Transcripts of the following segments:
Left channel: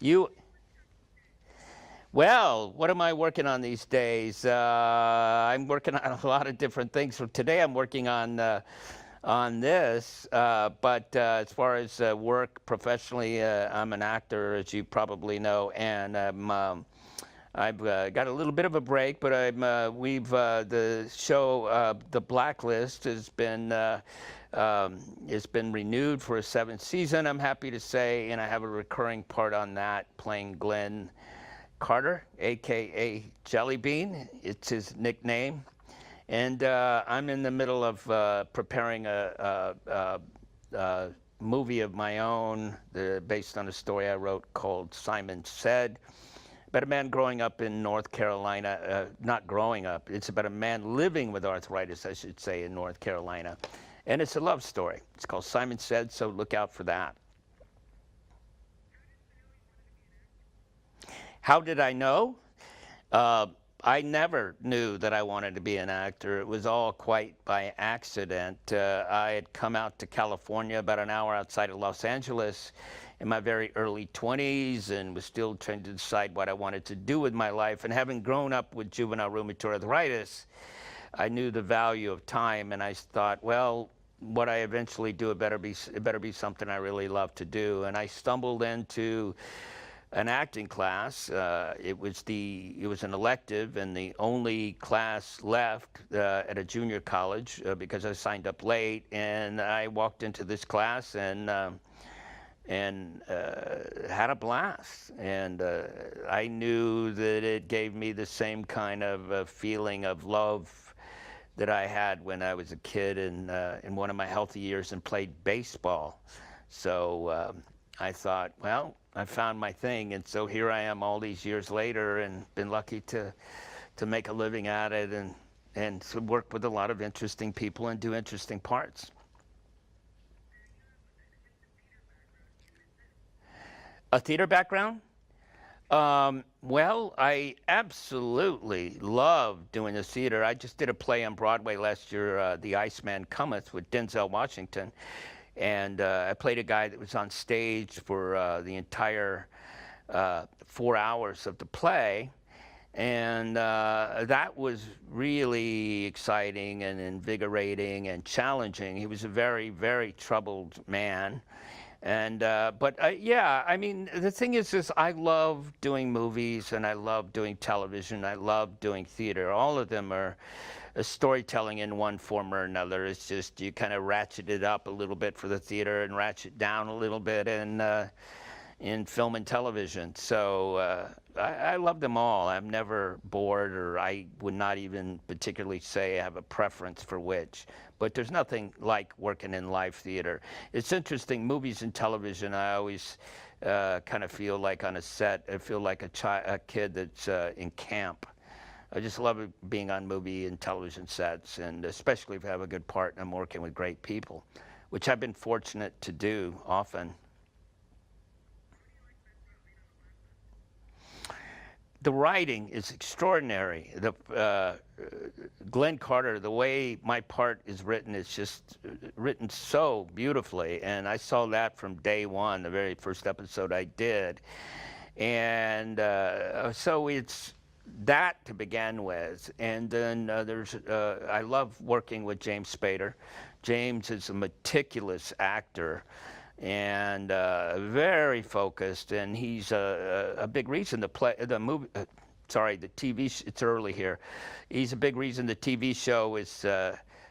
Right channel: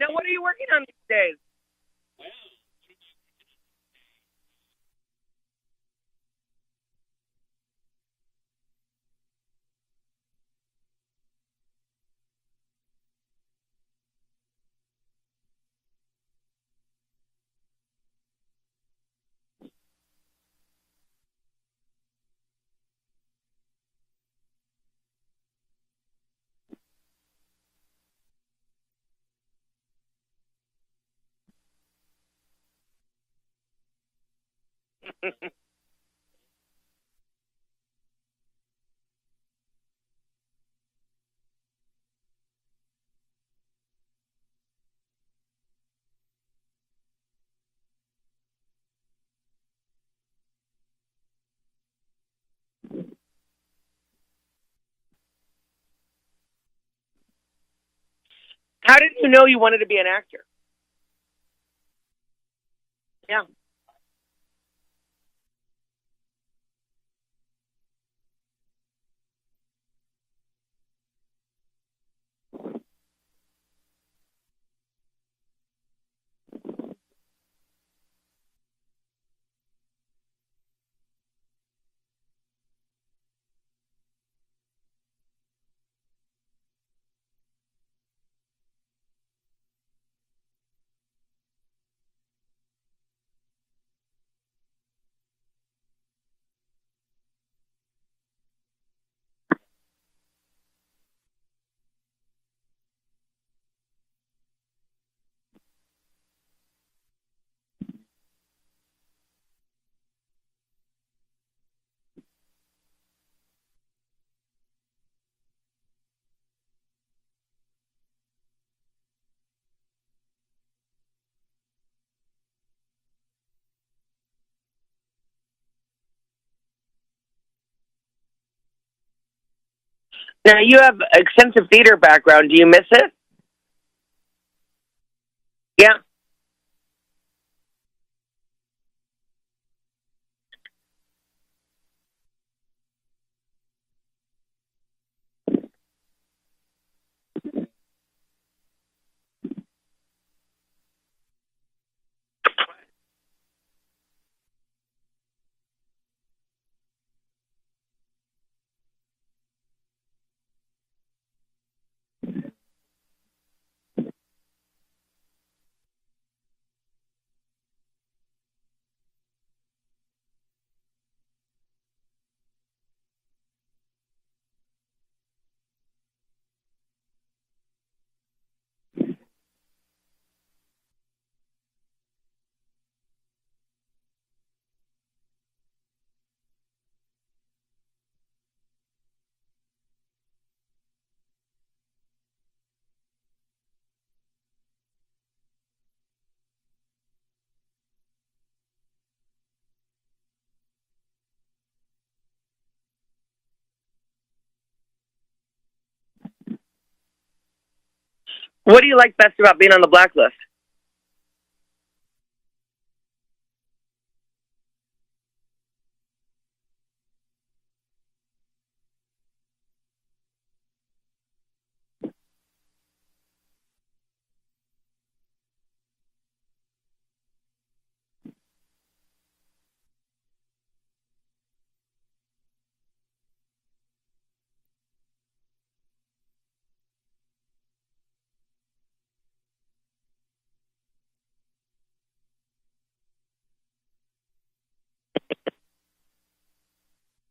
Now, what are you working on these days? Well, what am I working on these days? I'm working on a lot of different things. So today I'm working on this, but as far as work professionally, I'm an actor, as you probably know, and I've got a little bit of a break, but the show The Blacklist has been renewed for a seventh season. I'm happy to say, and I have a recurring part on that, playing Glenn Carter, aka Jelly Bean. It's his nickname. And I'm in the middle of preparing a movie of my own based on a story I wrote called Simon Said. About a man growing up in North Carolina, not growing up, it's about a man living with arthritis, I should say, in North Carolina. And it's a love story. It's called Simon Said, so look out for that. How did you know you wanted to be an actor? How did I know? Yeah. Uh, I never knew that I wanted to be an actor. It was all quite by accident. I had come out to California about an hour outside of Los Angeles in my very early 20s and was still trying to decide what I wanted to do with my life. And having grown up with juvenile rheumatoid arthritis, I knew the value of time, and I thought, well, what I eventually do, it better be something I really love to do. And I stumbled into an acting class. It was an elective and the only class left at a junior college because I signed up late. And I walked into this class and had a blast. And I knew that it gave me the same kind of feeling of love that I had when I was a kid in one of my healthy years and played baseball. So I thought, well, I found my thing, and so here I am all these years later, and been lucky to make a living at it, and to work with a lot of interesting people and do interesting parts. Now, you have extensive theater background. Do you miss it? A theater background? Yeah. Well, I absolutely love doing the theater. I just did a play on Broadway last year, The Iceman Cometh, with Denzel Washington. And I played a guy that was on stage for the entire 4 hours of the play. And that was really exciting and invigorating and challenging. He was a very, very troubled man. And yeah, I mean, the thing is I love doing movies and I love doing television. I love doing theater. All of them are storytelling in one form or another. It's just you kind of ratchet it up a little bit for the theater and ratchet down a little bit in film and television. So I love them all. I'm never bored, or I would not even particularly say I have a preference for which. But there's nothing like working in live theater. It's interesting, movies and television, I always kind of feel like on a set, I feel like a kid that's in camp. I just love being on movie and television sets, and especially if I have a good part and I'm working with great people, which I've been fortunate to do often. What do you like best about being on the Blacklist? The writing is extraordinary. Glenn Carter, the way my part is written, is just written so beautifully, and I saw that from day one, the very first episode I did, and so it's that to begin with, and then I love working with James Spader. James is a meticulous actor and very focused, and he's a big reason the movie. Sorry, the TV. It's early here. He's a big reason the TV show is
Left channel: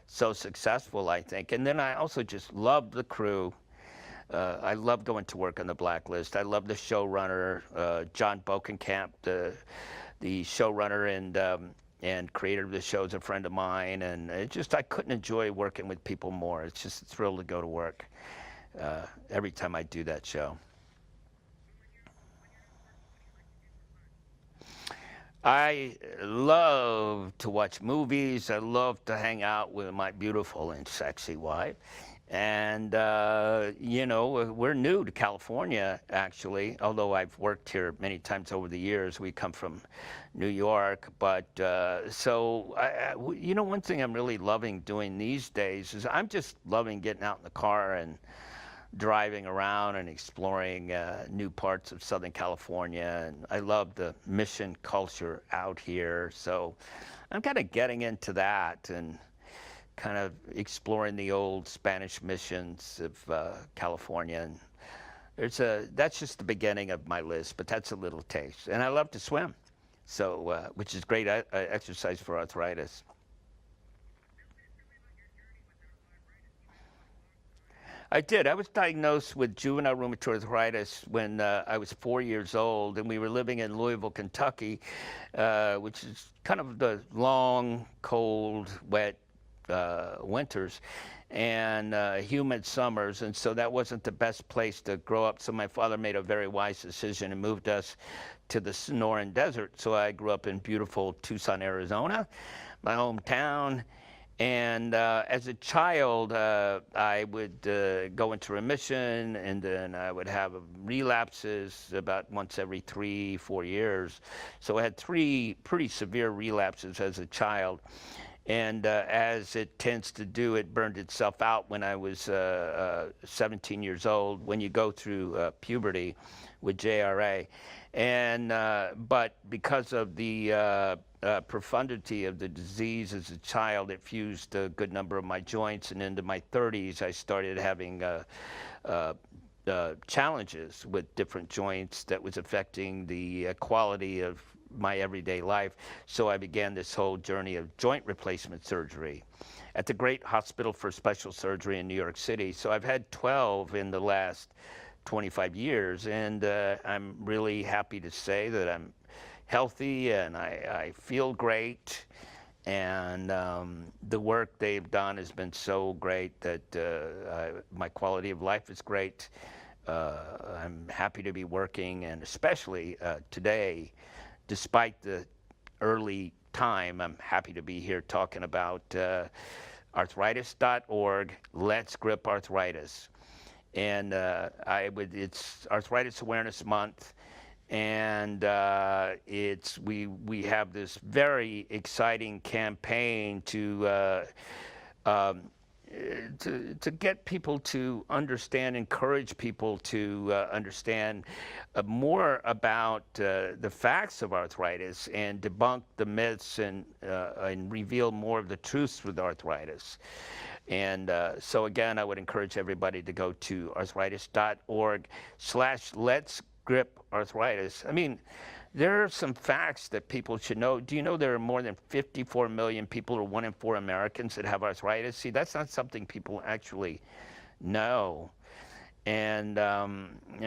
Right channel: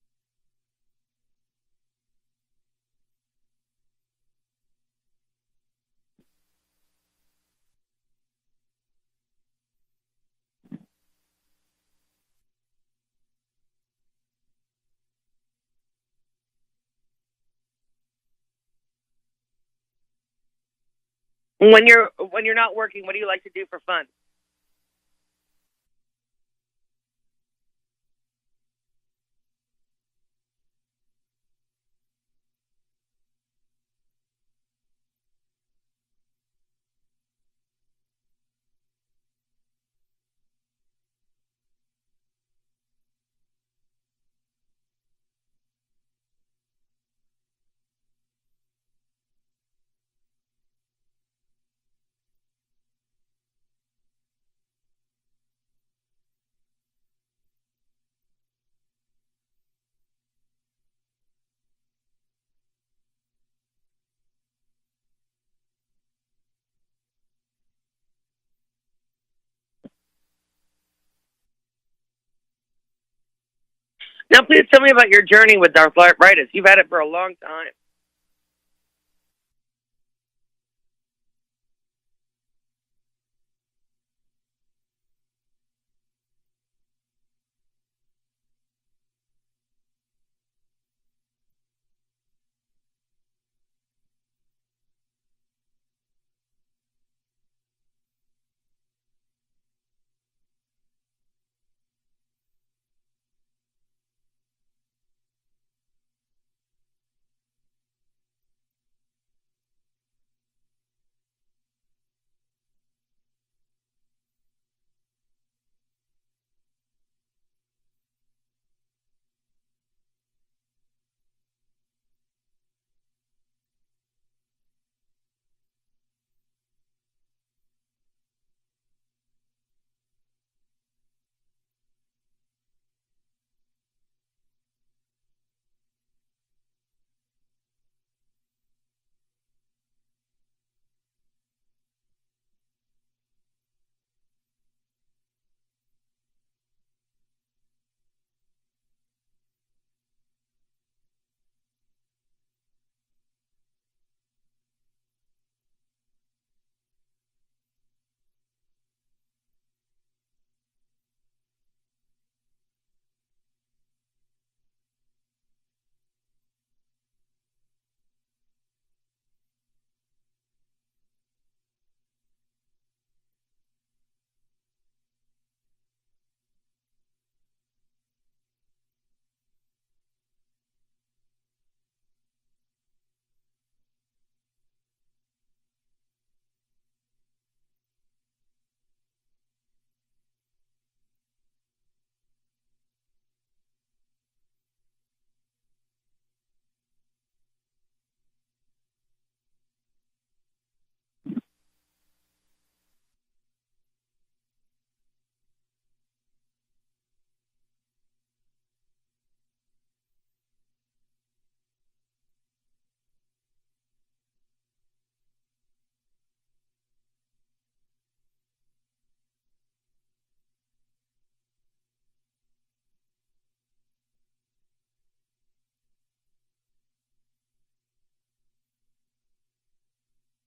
so successful, I think. And then I also just love the crew. I love going to work on the Blacklist. I love the showrunner, John Bokenkamp, the showrunner and creator of the show is a friend of mine, and I couldn't enjoy working with people more. It's just a thrill to go to work every time I do that show. When you're not working, what do you like to do for fun? I love to watch movies. I love to hang out with my beautiful and sexy wife. And, we're new to California, actually, although I've worked here many times over the years. We come from New York. But one thing I'm really loving doing these days is I'm just loving getting out in the car and driving around and exploring new parts of Southern California. And I love the mission culture out here. So I'm kind of getting into that and kind of exploring the old Spanish missions of California. And that's just the beginning of my list, but that's a little taste. And I love to swim, so which is great exercise for arthritis. Now, please tell me about your journey with arthritis. You've had it for a long time. I did. I was diagnosed with juvenile rheumatoid arthritis when I was 4 years old, and we were living in Louisville, Kentucky, which is kind of the long, cold, wet winters and humid summers, and so that wasn't the best place to grow up. So my father made a very wise decision and moved us to the Sonoran Desert. So I grew up in beautiful Tucson, Arizona, my hometown. And as a child, I would go into remission, and then I would have relapses about once every 3-4 years. So I had 3 pretty severe relapses as a child. And as it tends to do, it burned itself out when I was 17 years old, when you go through puberty with JRA. And but because of the profundity of the disease as a child, it fused a good number of my joints. And into my 30s, I started having challenges with different joints that was affecting the quality of my everyday life. So I began this whole journey of joint replacement surgery at the Great Hospital for Special Surgery in New York City. So I've had 12 in the last 25 years, and I'm really happy to say that I'm healthy and I feel great. And the work they've done has been so great that my quality of life is great. I'm happy to be working, and especially today, despite the early time, I'm happy to be here talking about arthritis.org, Let's Grip Arthritis. And it's Arthritis Awareness Month, and we have this very exciting campaign to get people to understand, encourage people to understand more about the facts of arthritis and debunk the myths and reveal more of the truths with arthritis. And so again, I would encourage everybody to go to arthritis.org/Let's Grip Arthritis. I mean, there are some facts that people should know. Do you know there are more than 54 million people, or 1 in 4 Americans, that have arthritis? See, that's not something people actually know. And I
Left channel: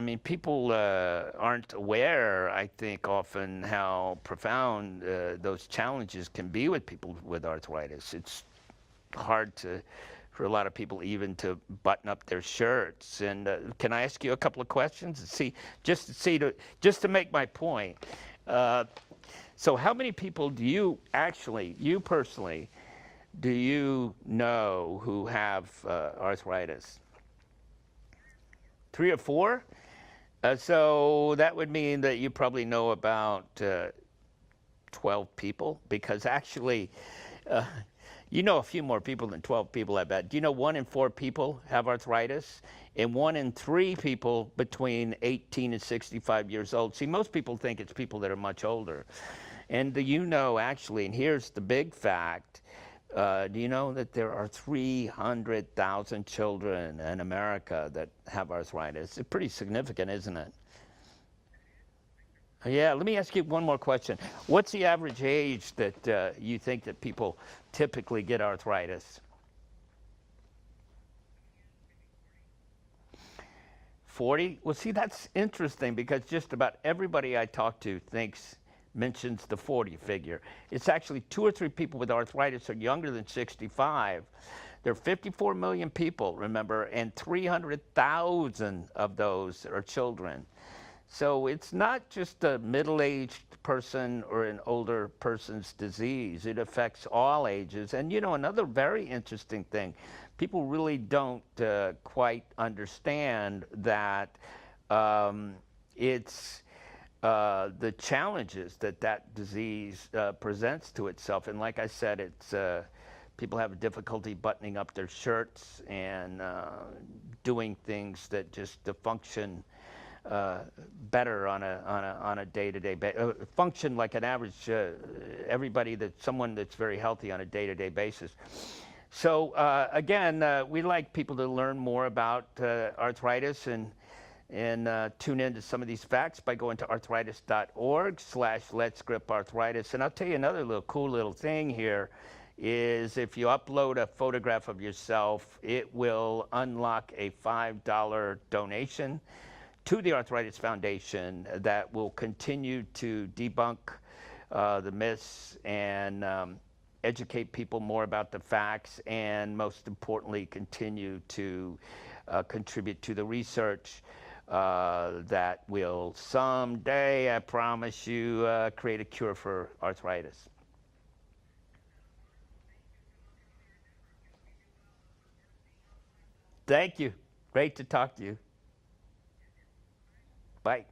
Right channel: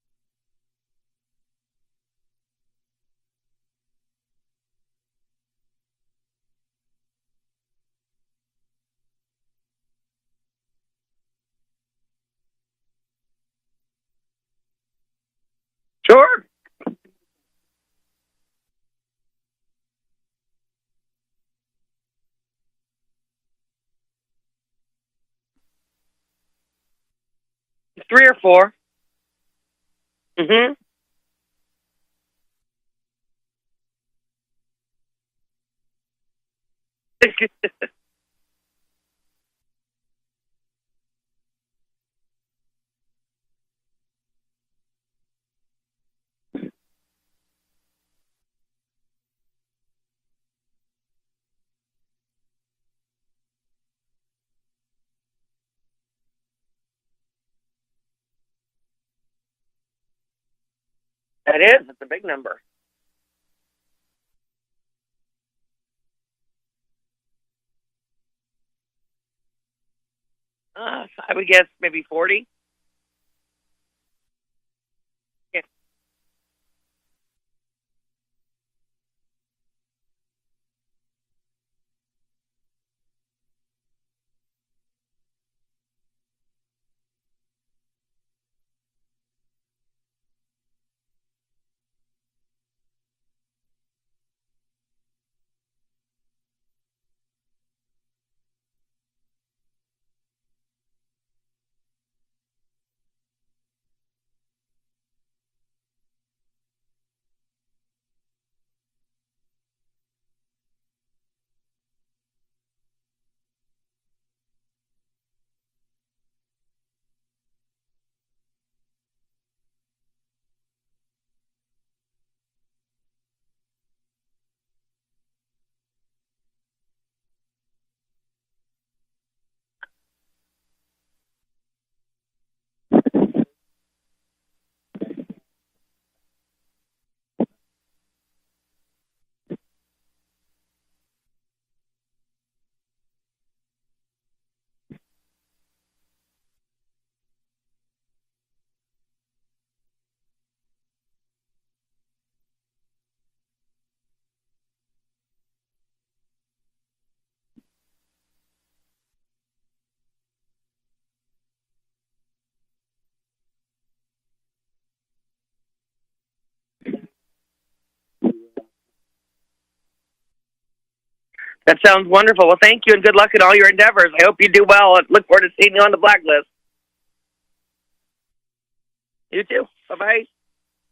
mean, people aren't aware, I think, often how profound those challenges can be with people with arthritis. It's hard for a lot of people even to button up their shirts. And can I ask you a couple of questions? See, Sure. Just to make my point. So how many people do you personally, do you know who have arthritis? 3 or 4. 3 or 4? Mm-hmm. So that would mean that you probably know about 12 people, because actually, you know a few more people than 12 people, I bet. Do you know 1 in 4 people have arthritis? And 1 in 3 people between 18 and 65 years old. See, most people think it's people that are much older. And do you know, actually, and here's the big fact, do you know that there are 300,000 children in America that have arthritis? It's pretty significant, isn't it? That is. It's a big number. Yeah, let me ask you one more question. What's the average age that you think that people typically get arthritis? I would guess maybe 40. 40? Well, see, that's interesting, because just about everybody I talk to mentions the 40 figure. It's actually 2 or 3 people with arthritis are younger than 65. There are 54 million people, remember, and 300,000 of those are children. So it's not just a middle-aged person or an older person's disease. It affects all ages. And, you know, another very interesting thing, people really don't quite understand that it's the challenges that disease presents to itself. And like I said, it's people have difficulty buttoning up their shirts and doing things that just to function better on a day-to-day function like an average someone that's very healthy on a day-to-day basis. So again, we like people to learn more about arthritis and tune into some of these facts by going to arthritis.org/letsgrip-arthritis. And I'll tell you another cool little thing here is if you upload a photograph of yourself, it will unlock a $5 donation to the Arthritis Foundation that will continue to debunk the myths and educate people more about the facts, and most importantly, continue to contribute to the research that will someday, I promise you, create a cure for arthritis. That sounds wonderful. Well, thank you, and good luck in all your endeavors. I hope you do well, and look forward to seeing you on the Blacklist. Thank you. Great to talk to you. You too. Bye-bye. Bye.